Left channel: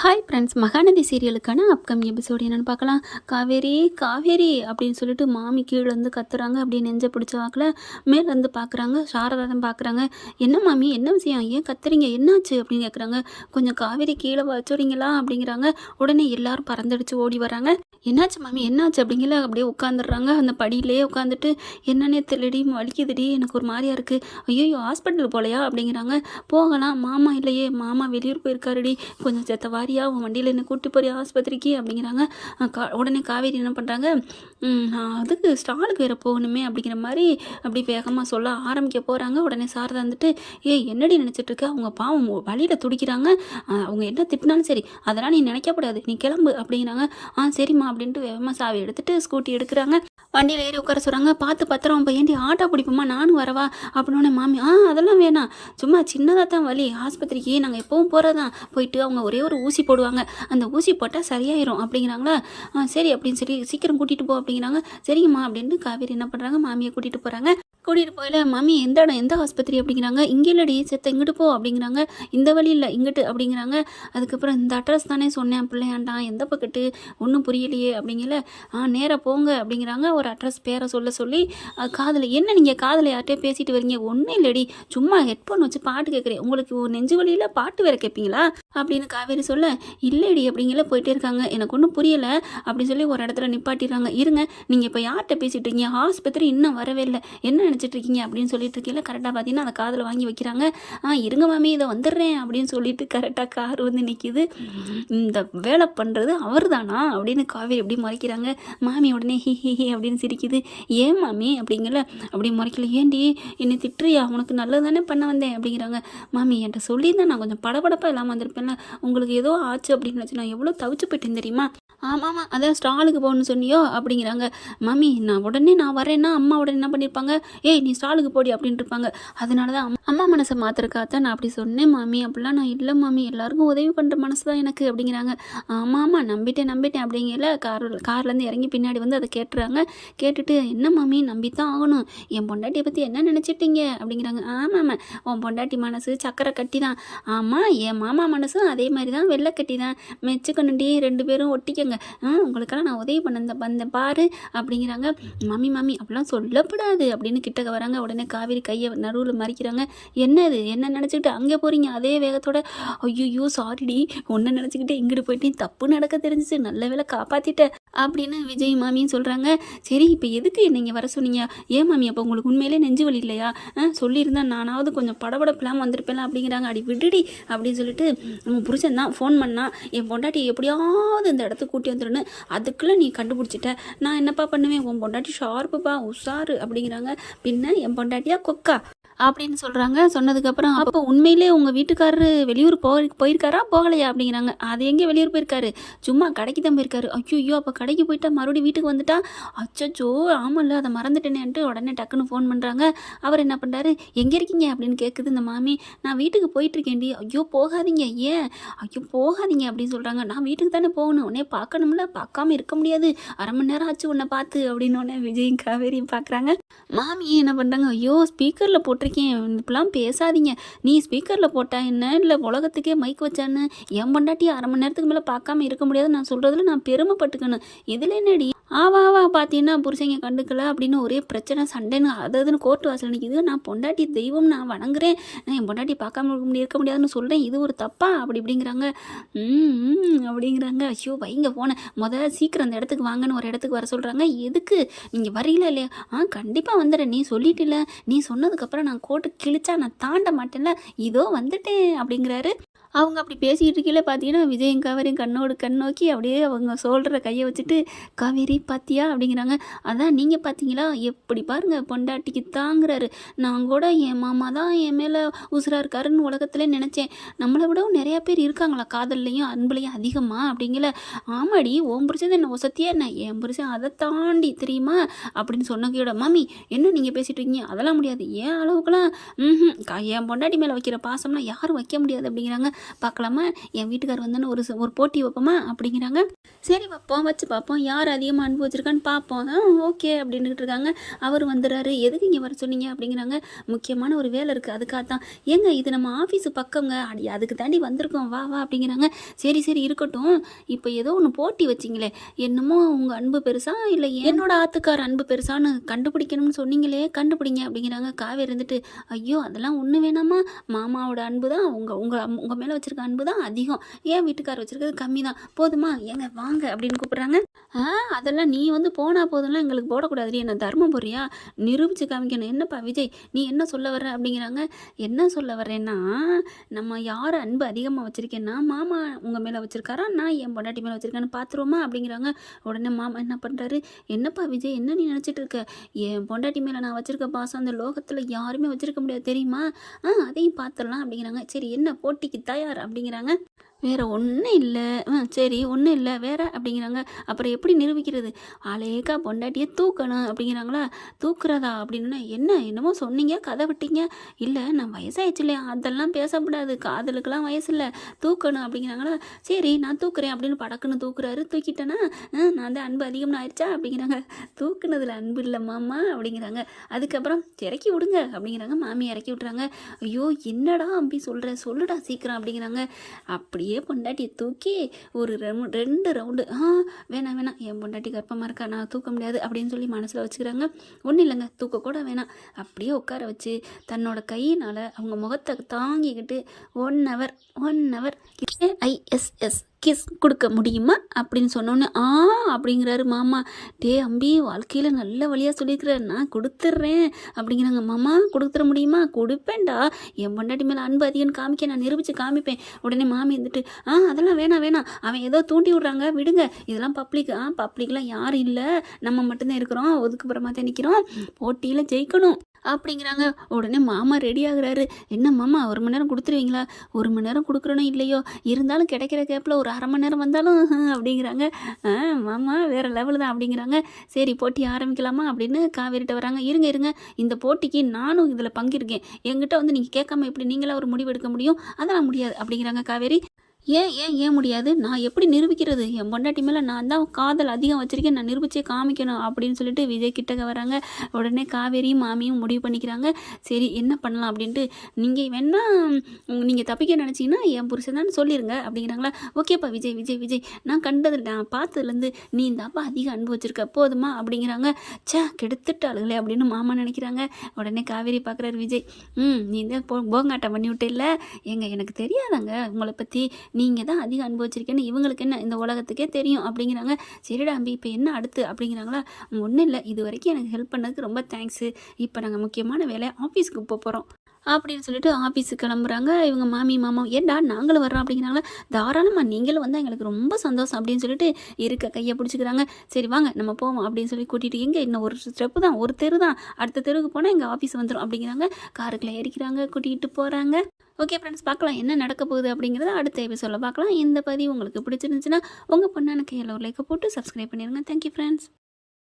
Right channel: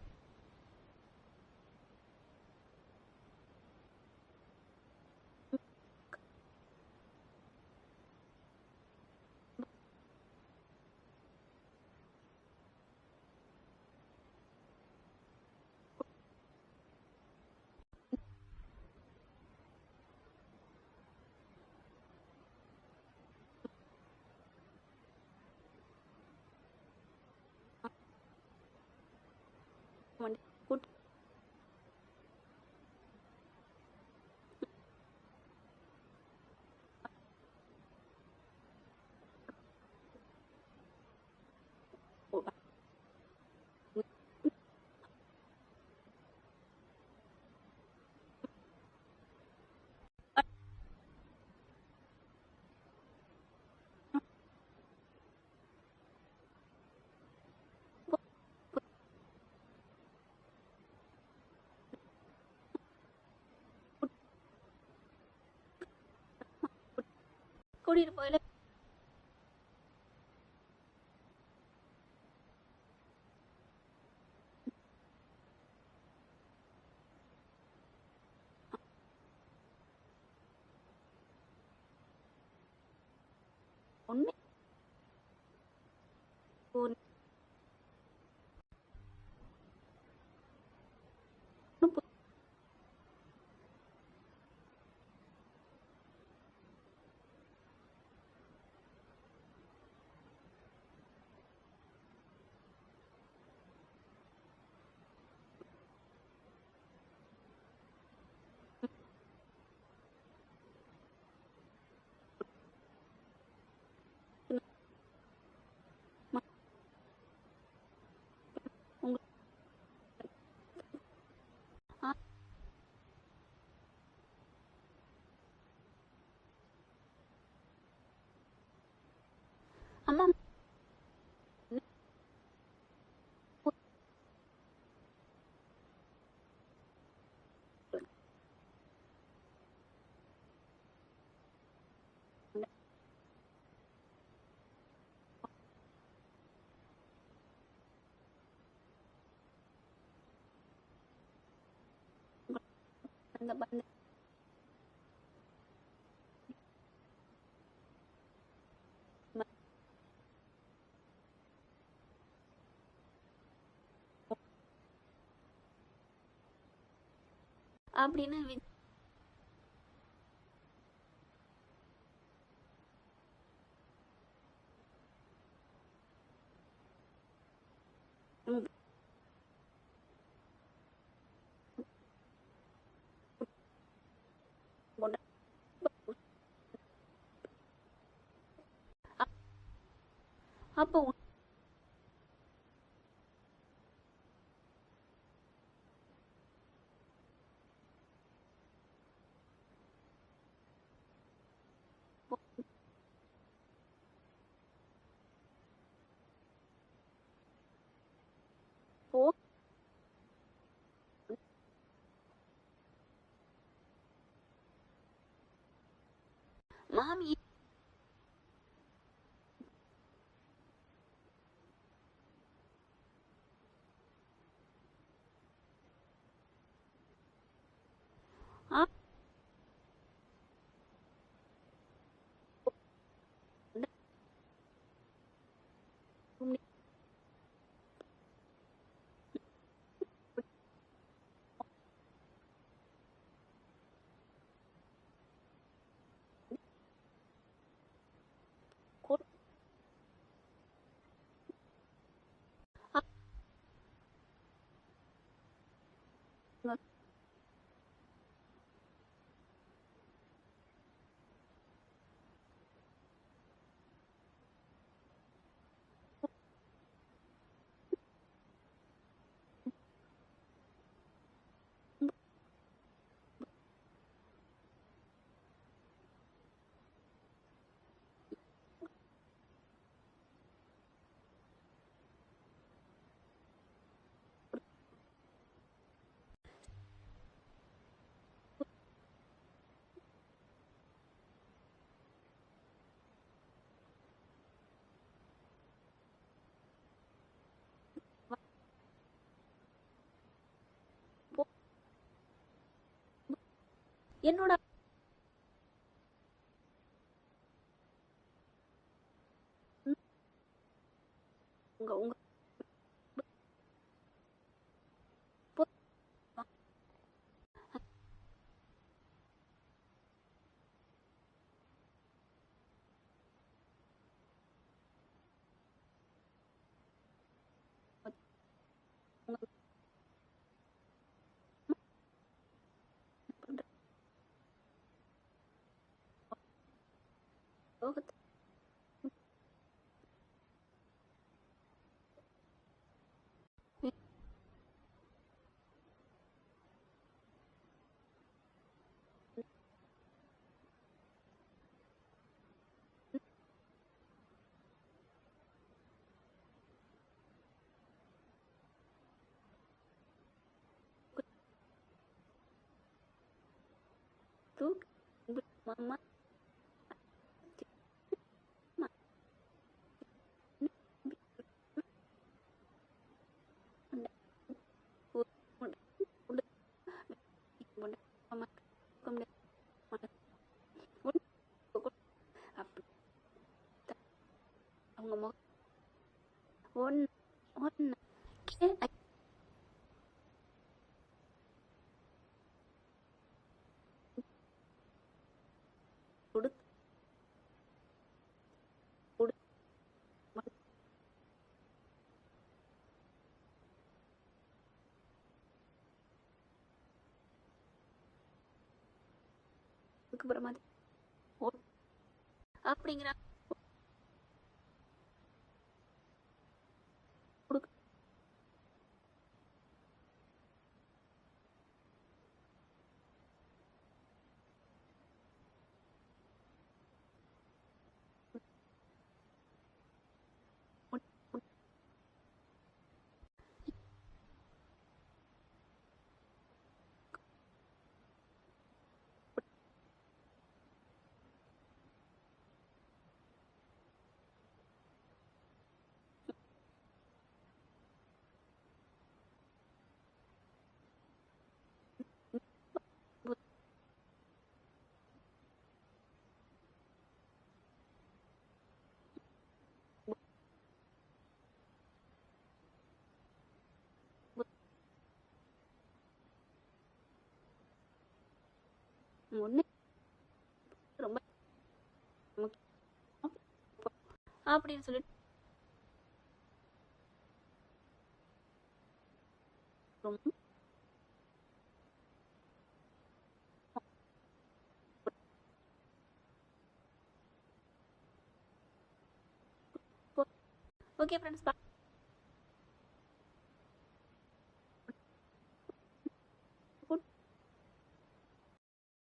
Hi friends Mahanadhi சீரியலுக்கான upcoming episode என்னென்னு பார்க்கலாம். காவேரி காவேரி அப்படின்னு சொல்லிட்டு மாமி கீழே வந்து கத்துறாங்க. அப்படியே நெஞ்ச பிடிச்ச வாக்கில் மேலே வந்து பார்க்குறாங்க சாரதா தான் பார்க்குறாங்க என்ன மாமி என்ன விஷயம்? ஏன் கத்துறீங்க? என்னாச்சு? அப்படின்னு கேட்குறாங்க கொஞ்சம் காவேரி கீழே வச்சுறீங்களா? அப்படிங்கிறாங்க. உடனே எல்லாரும் பறந்தடிச்சு ஓடி வராங்க. என்னாச்சு மாமி? என்னாச்சு? அப்படிங்கிற அப்படியே உட்காந்துடுறாங்க அந்த படியிலே உட்காந்துட்டு என்னன்னே தெரியலடி வலிக்குதுடி எனக்கு ஒரு மாதிரியா இருக்குது ஐயோ ஹாஸ்பிட்டல் போகலையா அப்படிங்கிறாங்க. போகலாம். மாமா இல்லையே. மாமா வெளியூர் போயிருக்காருடி. கொஞ்சம் செத்த வாரியா உன் வண்டியில் என்ன கூட்டி போறியா ஆஸ்பத்திரிக்கு? அப்படிங்கிறாங்க. கா உடனே காவேரி என்ன பண்ணுறாங்க அதுக்கு ஸ்டாலுக்கு வேறு போகணுமே அப்படிங்கிற மாதிரி அப்படி வேகமாக சொல்ல ஆரம்பிக்க போகிறாங்க உடனே சாரதா வந்துட்டு ஏ என்னடி நினச்சிட்டு இருக்க? அவங்க பாவம் வழியில் துடிக்கிறாங்க. அவங்க என்ன திட்டினாலும் சரி அதெல்லாம் நீ நினைக்கக்கூடாது நீ கிளம்பு அப்படிங்கிறாங்க. ஆ சரிம்மா அப்படின்ட்டு வேகமாக சாவி எடுத்துட்டு ஸ்கூட்டி எடுக்கிறாங்க. வண்டியில் ஏறி உட்கார சொல்கிறாங்க பார்த்து பத்திரம். இப்போ ஏண்டி ஆட்டோ பிடிப்போமா? நானும் வரவா? அப்படின்னு மாமி ஆ அதெல்லாம் வேணாம். சும்மா சின்னதாக தான் வலி. ஆஸ்பத்திரிக்கு நாங்கள் எப்பவும் போகிறதான் போயிட்டு அவங்க ஒரே ஒரு ஊசி ஊசி போடுவாங்க. அந்த ஊசி போட்டால் சரியாயிரும். அப்படிங்கிறாங்களா? ஆ சரி அப்படின்னு சொல்லி சீக்கிரம் கூட்டிகிட்டு போ அப்படிங்கிறாங்க. சரிங்கம்மா அப்படின்னு காவேரி என்ன பண்ணுறாங்க மாமியை கூட்டிகிட்டு போகிறாங்க கூட்டிகிட்டு போயில மாமி எந்த இடம்? எந்த ஆஸ்பத்திரி? அப்படிங்கிறாங்க. இங்கே இல்லடி செத்த இங்கிட்டு போ அப்படிங்கிறாங்க. இந்த வழி இல்லை இங்கிட்டு அப்படிங்கிறாங்க. அதுக்கப்புறம் இந்த அட்ரஸ் தானே சொன்னேன் பிள்ளையாண்டான் எந்த பக்கத்து? ஒன்றும் புரியலையே அப்படிங்கல. ஆ நேராக போங்க அப்படிங்கிறாங்க. ஒரு அட்ரஸ் பேரை சொல்ல சொல்லி காதில் என்ன நீங்கள் காதில் யார்கிட்டயே பேசிட்டு வரீங்க? ஒன்றும் இல்லடி. சும்மா ஹெட்ஃபோன் வச்சு பாட்டு கேட்குறேன் உங்களுக்கு ஒரு நெஞ்சு வழியில் பாட்டு வேற கேட்பீங்களா? அப்படின்னு காவேரி சொல்ல இல்லைடி அப்படிங்கிற போயிட்டே இருக்காங்க. எனக்கு ஒன்றும் புரியலை. அப்படின்னு சொல்லி ஒரு இடத்துல நிப்பாட்டிடுறாங்க. இருங்க நீங்கள் இப்போ யார்கிட்ட பேசிட்டு இருக்கீங்க? ஆஸ்பத்திரி இன்னும் வரவே இல்லை. என்ன நினச்சிட்டு இருக்கீங்க? அப்படின்னு சொல்லிட்டு இருக்கீங்களா கரெக்டாக பார்த்தீங்கன்னா அந்த காதில் வாங்கி வைக்கிறாங்க. ஆ இருங்க மாமி இதை வந்துடுறேன் அப்படின்னு சொல்லிட்டு கரெக்டாக கார் வந்து நிற்கிது இந்த வேலை பண்ணுறது அவர் தானா அப்படின்னு காவேரி எப்படி முறைக்கிறாங்க. மாமி உடனே ஹி ஹி ஹி அப்படின்னு சிரிக்குது. ஏன் மாமி? அப்படிங்கல. அப்படி முறைக்கல. ஏண்டி என்னை திட்டுறியா? உனக்கு நல்லது தானே பண்ண வந்தேன் அப்படிங்கிறாங்க. மாமி என்கிட்ட சொல்லியிருந்தேன் நான் கொஞ்சம் படபடப்பாக இல்லாமல் வந்திருப்பேன்ல. உங்களுக்கு ஏதோ ஆச்சு அப்படின்னு வச்சு நான் எவ்வளோ தவிச்சு போயிட்டேன் தெரியுமா? ஆமாம் அதான் ஸ்டாலுக்கு போகணும்னு சொன்னியோ? அப்படிங்கிறாங்க. மாமி நான் உடனே நான் வரேன்னா அம்மா உடனே என்ன பண்ணியிருப்பாங்க ஏய் நீ ஸ்டாலுக்கு போடி அப்படின்ட்டு இருப்பாங்க. அதனால தான் அம்மா- மனசை மாத்திரக்காத்தான் நான் அப்படி சொன்னேன் மாமி அப்படிலாம் நான் இல்லை மாமி எல்லாருக்கும் உதவி பண்ணுற மனசு தான் எனக்கு அப்படிங்கிறாங்க. ஆமாம் ஆமாம் நம்பிட்டேன் நம்பிட்டேன் அப்படிங்கல கார் கார்லேருந்து இறங்கி பின்னாடி வந்து அதை கேட்டுறாங்க. கேட்டுட்டு என்ன மாமி நம்பித்தான் ஆகணும். என் பொண்டாட்டியை பற்றி என்ன நினச்சிட்டீங்க? அப்படிங்கிறாங்க. ஆமாம் உன் பொண்டாட்டி மனசு சக்கரை கட்டி தான் ஆமாம் என் மாமா மனசும் அதே மாதிரி தான் வெளில வெள்ளை கட்டி தான் மெச்சுக்கணுண்டி ரெண்டு பேரும் ஒட்டிக்கங்க. உங்களுக்கெல்லாம் நான் உதவி பண்ண வந்த- பாரு அப்படிங்கிறாங்க. மம்மி மம்மி அப்படிலாம் சொல்லப்படாது அப்படின்னு கிட்டக்க வராங்க. உடனே காவேரி கையை நடுவில் மறிக்கிறாங்க. என்னது என்ன நினச்சிக்கிட்டு அங்கே போகிறீங்க அதே வேகத்தோட ஐயோ சாரிடி ஒன்றை நினச்சிக்கிட்டு இங்கிட்டு போயிட்டு தப்பு நடக்க தெரிஞ்சிச்சு. நல்ல வேளை காப்பாற்றிட்டேன் அப்படின்னு விஜய் மாமியும் சொல்கிறாங்க சரி இப்போ எதுக்கு நீங்கள் வர சொன்னீங்க? ஏன் மாமி அப்போ உங்களுக்கு உண்மையிலே நெஞ்சு வலி இல்லையா? ஆ சொல்லியிருந்தா நானாவது கொஞ்சம் படபடப்பெல்லாம் வந்திருப்பேன் அப்படிங்கிறாங்க. அடி விடுடி அப்படின்னு சொல்லிட்டு புருஷன் தான் ஃபோன் பண்ணா என் பொண்டாட்டி எப்படியாவது இந்த இடத்துக்கு கூட்டி வந்துடுன்னு அதுக்குள்ளே நீ கண்டுபிடிச்சிட்ட. நான் என்னப்பா பண்ணுவேன்? உன் பொண்டாட்டி ஷார்ப்புப்பா உஷாரு அப்படிங்கிறாங்க. பின்ன என் பொண்டாட்டியா கொக்கா? அப்படின்னு சொல்கிறாங்க சொன்னதுக்கப்புறம் அப்போ உண்மையிலே உங்கள் வீட்டுக்காரரு வெளியூர் போய் போயிருக்காரா? போகலையா? அப்படிங்கிறாங்க. அது எங்கே வெளியூர் போயிருக்காரு? சும்மா கடைக்கு தான் போயிருக்காரு. ஐயோ அப்போ கடைக்கு போயிட்டா மறுபடியும் வீட்டுக்கு வந்துட்டா? அச்சச்சோ ஆமாம்ல அதை மறந்துட்டேனேன்ட்டு உடனே டக்குன்னு ஃபோன் பண்ணுறாங்க அவர் என்ன பண்ணுறாரு எங்கே இருக்கீங்க? அப்படின்னு கேட்குது இந்த மாமி. நான் வீட்டுக்கு போயிட்டுருக்கேன்டி. ஐயோ போகாதீங்க ஏன்? ஐயோ போகாதீங்க அப்படின்னு சொல்கிறாங்க நான் வீட்டுக்கு தானே போகணும். உடனே பார்க்கணும்ல. பார்க்காம இருக்க முடியாது. அரை மணி நேரம் ஆச்சு உன்னை பார்த்து அப்படின்னு உடனே விஜயும் காவேரியும் பார்க்குறாங்க மாமி என்ன பண்ணுறாங்க ஐயோ ஸ்பீக்கரில் போட்டு இருக்கேன் இப்பெல்லாம் பேசாதீங்க. நீ ஸ்பீக்கரில் போட்டா என்ன? இல்லை உலகத்துக்கே மைக் வச்சான்னு? என் பொண்டாட்டி அரை மணி நேரத்துக்கு மேலே பார்க்காம இருக்க முடியாது நான் சொல்கிறதுல நான் பெருமைப்பட்டுக்கணும். இதில் என்னடி? ஆவா ஆவா பார்த்தீங்கன்னா புருஷங்க கண்டுக்கல அப்படின்னு ஒரே பிரச்சனை சண்டைன்னு அது அதுன்னு கோர்ட்டு வாசல் நிற்கிது நான் பொண்டாட்டி தெய்வம் நான் வணங்குறேன். நான் என் பொண்டாட்டி பார்க்காம இருக்க இருக்க முடியாதுன்னு சொல்கிறேன் இது ஒரு தப்பா? அப்படி இப்படிங்கிறாங்க. அப்படிங்கிறாங்க. ஐயோ வைங்க போனேன் முதல்ல சீக்கிரம் அந்த இடத்துக்கு வாங்கன்னு ஒரு இடத்துக்கு வர சொல்கிறாங்க எதுக்கு? நீங்கள் வரீங்களா இல்லையா? ஆ கண்டிப்பாக வந்துடுறேன். நீ சொல்லிட்டில்ல. நீ சொன்னதுக்கப்புறம் நான் கோர்ட்டு கிழிச்சா நான் தாண்ட மாட்டேன்ல. இதோ வந்துட்டேன் அப்படிங்கிறாரு. அவங்க அப்படி பேசிக்கிட்டு இருக்கையில பார்த்தீங்கன்னா விஜயும் காவேரியும் கண்ணோடு கண் நோக்கி அப்படியே அவங்க சொல்கிற கையை வச்சுட்டு காவேரி பாத்தியா? அப்படிங்கிறாங்க. அதான் நீங்கள் பார்த்தீங்களா? எப்படி பாருங்கள் பொண்டாட்டிக்கு தாங்குறாரு. நான் கூட என் மாமா தான் என் மேலே உசுராக இருக்காருன்னு உலகத்துல நினச்சேன். நம்மளை விடவும் நிறையா பேர் இருக்காங்களா? காதல்லையும் அன்புலையும் அதிகமாக அப்படிங்கல ஆமாடி ஓம் புரிச்சது என்ன ஒசத்தியா என்ன? என் புரிச்சேன் அதை தாண்டி தெரியுமா? அப்படின்னு சொன்னகையோட மாமி என்ன நீங்கள் பேசிட்டு இருக்கீங்க? அதெல்லாம் முடியாது. ஏன் அளவுக்குலாம் ம் என் பொண்டாட்டி மேலே வைக்கிற பாசம்லாம் யாரும் வைக்க முடியாது. அப்படிங்கிறாங்க. பார்க்கலாமா? என் வீட்டுக்கார் வந்தோன்னு ஒரு ஒரு போட்டி வைப்போமா? அப்படிங்கிறாங்க. சரி வைப்போம் வச்சு பார்ப்போம். யார் அதிகமாக அன்பு வச்சுருக்கான்னு பார்ப்போம் ஓகே அப்படின்னுட்டு இருக்காங்க. அவர் வந்துடுறாரு. எதுக்கு இங்கே வர சொன்னீங்க? அப்படிங்கிறாங்க. முக்கியமான ஒரு வேலை இருக்குது அதுக்காக தான். ஏங்க இது நம்ம ஆஃபீஸு பக்கங்க. அடி அதுக்கு தாண்டி வந்திருக்கோம். வா வா அப்படிங்கிறாங்க. சரி சரி இருக்கட்டும். இப்போ ஏதோ ஒன்று போட்டி வச்சிங்களே. என்னமோ உங்கள் அன்பு பெருசா? இல்லை என்னோட ஆத்துக்கார் அன்பு பெருசான்னு கண்டுபிடிக்கணும்னு சொன்னீங்களே. கண்டுபிடிங்க அப்படிங்கிறாங்க. காவேரி இருந்துட்டு ஐயோ அதெல்லாம் ஒன்று வேணாமா? மாமாவோட அன்பு தான். உங்கள் உங்கள் உங்கள் மேலே மேலே வச்சுருக்க அன்பு தான் அதிகம். ஏன் வீட்டுக்கார் வச்சுருக்கிறது கம்மி தான்? போதுமா? ஏங்க வாங்க அப்படின்னு கூப்பிட்றாங்க. ஆ அதெல்லாம் நீ வந்து போனா போதும்லாம் எங்களுக்கு போடக்கூடாது என்ன தர்மம் போறியா நிரூபிச்சு காமிக்கணும். என்னப்பா விஜய் நீ என்ன சொல்ல வர்ற? அப்படிங்கிறாங்க. என்ன சொல்ல வர்றேன்னா நம்ம யார் அன்பு அதிகமாக வச்சுருக்கேன்னா மாமா உங்கள் மேலே வச்சுருக்காரா? நான் என் பொண்டாட்டி மேலே வச்சுருக்கேன்னு பார்த்துருவோமா? அப்படிங்கிறாங்க. உடனே மாமா என்ன பண்ணுறாரு என்னப்பா விஜய் என்ன நீ நினச்சிட்டு இருக்க? என் பொண்டாட்டி மேலே நான் வச்சுருக்க பாசம் அந்த லோகத்தில் யாருமே வச்சுருக்க முடியாது தெரியுமா? ஆ அதையும் பார்த்துடலாம் அப்படிங்கிறாங்க. சரி என்ன போட்டிக்குத்தா தாயார் அப்படிங்கிறாங்க. வேறு ஒன்றும் இல்லை. ஆ சரி ஒன்றும் இல்லை. வேற? அப்படிங்கிறாங்க. அப்புறம் எப்படி நிரூபிக்கிறது? அலேக்கா பொண்டாட்டியை தூக்கணும். அப்படிங்கிறாங்களா? தூக்குறதா? அப்படின்னு என்ன? என்னமோ சொன்னீங்க? கதை விட்டீங்க? இல்லை நான் வயசாகிடுச்சு இல்லையா அதெல்லாம் பேசக்கூடாது. காதலுக்கெல்லாம் வயசு இல்லை தூக்கணும். அப்படிங்கிறாங்களா? சரி நான் தூக்குறேன். அப்படின்னு படக்குன்னு தூக்குறாரு. தூக்கிட்டேன்னா ஆ, நான் தான் அன்பு அதிகம்னு ஆயிடுச்சா? அப்படிங்கிறாங்க. தூக்குனதில் அன்பு இல்லை மாமா. அப்படிங்கிறாங்க. அதுக்கப்புறம் இறக்கி விடுங்க. அப்படிங்கிறாங்க. மாமி இறக்கி விட்றாங்க ஐயோ என்னடா அம்பி சொல்கிற சொல்லுடா சீக்கிரம். அப்படிங்கிறாங்க. அப்படி அப்படியே பொண்டாட்டியை தூக்கி ஒரு ரெண்டு ரவுண்டு ஆ வேணாம் வேணாம் என் பொண்டாட்டி கர்ப்பமாக இருக்கா? நான் தூக்க முடியாது அப்படின்னு சொல்லி மனசில் வச்சுக்கிறாங்க. ஒன்றும் இல்லைங்க தூக்கக்கூட வேணாம். அப்படியே உட்கார வச்சு தன்னோட கையினால் அவங்க முகத்தை தாங்கிக்கிட்டு ஒன் ஹவர் ஒன் ஹவர் ஐஎஸ்எஸ் கிஸ் கொடுக்க முடியுமா? அப்படின்னு சொன்னோன்னே ஆ அப்படிங்கிறாரு மாமா. டே அம்பி வாழ்க்கையில் நல்ல வழியாக சொல்லியிருக்கிற. நான் கொடுத்துட்றேன் அப்படிங்கிறாங்க. மாமா கொடுத்துட முடியுமா? கொடுப்பேன்டா. என் பொண்டாட்டி மேலே அன்பு அதிகம்னு காமிக்க நான் நிரூபித்து காமிப்பேன். உடனே மாமி இருந்துட்டு ஆ அதெல்லாம் வேணாம் வேணாம். அவன் ஏதோ தூண்டி விட்றாங்க. விடுங்க. இதெல்லாம் பப்ளிக் ஆ பப்ளிக்லாம் யாரும் இல்லை. நம்ம மட்டும்தான் இருக்கிறோம். ஒதுக்குப்புறமா தான் நிற்கிறோம் போட்டியில் ஜெயிக்கணும். அப்படிங்கிறாங்க. உடனே மாமா ரெடி ஆகுறாரு. என்ன மாமா ஒரு மணி நேரம் கொடுத்துருவீங்களா? ஒரு மணி நேரம் கொடுக்குறோனோ இல்லையோ. இருந்தாலும் கிடைக்கிற கேப்பில் ஒரு ஒரு அரை மணி நேரம் வந்தாலும் அப்படிங்கிறாங்க. மாமா வேறு லெவலு தான் அப்படிங்கிறாங்க. சரி போட்டி ஆரம்பிக்கலாமா? அப்படின்னு காவேரிட்ட வராங்க. இருங்க இருங்க. இந்த போட்டிக்கு நானும் இதில் பங்கிருக்கேன் என்கிட்ட வந்து நீங்கள் கேட்காம எப்படி நீங்களாக ஒரு முடிவு எடுக்க முடியும்? அதெல்லாம் முடியாது அப்படிங்கிறாங்க காவேரி. ஏன் ஏன் ஏன் முடியாது? நான் எப்படி நிரூபிக்கிறது? என் பொண்டாட்டி மேலே நான் தான் காதல் அதிகம் வச்சுருக்கேன். நான் நிரூபிச்சே காமிக்கணும் அப்படின்னு சொல்லிட்டு விஜய் கிட்டக்க வராங்க. உடனே காவேரியும் மாமியும் முடிவு பண்ணிக்கிறாங்க. சரி என்ன பண்ணலாம் அப்படின்ட்டு. நீங்கள் வேணா நீங்கள் தப்பிக்க நினச்சிங்கன்னா என் புருஷன் தான் சொல்லிடுங்க அப்படிங்கிறாங்களா? ஓகேப்பா விஜய் விஜய் விஜய். நான் கண்டது நான் பார்த்ததுலேருந்து நீ இந்த அப்பா அதிக அன்பு வச்சுருக்க. போதுமா அப்படிங்கிறாங்க. ச்சே கெடுத்துட்டாளுங்களே அப்படின்னு மாமா நினைக்கிறாங்க. உடனே காவேரி பார்க்குறாரு விஜய். ம் நீ தான் போ போங்காட்டம் பண்ணி விட்டு இல்லை. ஏங்க எனக்கு தெரியாதாங்க. உங்களை பற்றி நீங்கள் தான் அதிகம் அனுபவிச்சிருக்கேன்னு இவங்களுக்கு என்ன இந்த உலகத்துக்கே தெரியும் அப்படிங்கிறாங்க. சரிடா அம்பி இப்போ என்ன அடுத்து அப்படிங்கிறாங்களா? ஒன்றும் இல்லை. இது வரைக்கும் எனக்கு ஹெல்ப் பண்ணதுக்கு ரொம்ப தேங்க்ஸு இப்போ நாங்கள் முக்கியமான வேலையை ஆஃபீஸ்க்கு போக போகிறோம் அப்படின்னு சொல்லிட்டு ஆஃபீஸுக்கு கிளம்புறாங்க. இவங்க மாமி மாமா ஏன்டா நாங்களும் வர்றோம்? அப்படிங்கிறாங்களா தாராளமாக நீங்களும் வந்தால் எங்களுக்கு ரொம்ப சந்தோஷம் அப்படின்னு சொல்லிட்டு இருக்க கையை பிடிச்சிக்கிறாங்க. சரி வாங்க நம்ம போவோம் அப்படின்னு சொல்லி கூட்டிகிட்டு எங்கே இன்னும் ஒரு ஸ்டெப்பு தான் ஒரு தெரு தான் அடுத்த தெருவுக்கு போனால் எங்கள் ஆஃபீஸ் வந்துடும் அப்படிங்கிறாங்க. காருக்குள்ளே ஏறிக்கிறாங்க கூட்டிகிட்டு போகிறாங்க ஓகே ஃப்ரெண்ட்ஸ் பார்க்கலாம் என்ன நடக்க போகுது? அப்படிங்கிறத அடுத்த எபிசோடில் பார்க்கலாம். இந்த பதிவு உங்களுக்கு பிடிச்சிருந்துச்சுன்னா உங்கள் பொண்ணான கையில் ஒரு லைக்கை போட்டு சப்ஸ்கிரைப் பண்ணிடுங்க தேங்க்யூ ஃப்ரெண்ட்ஸ்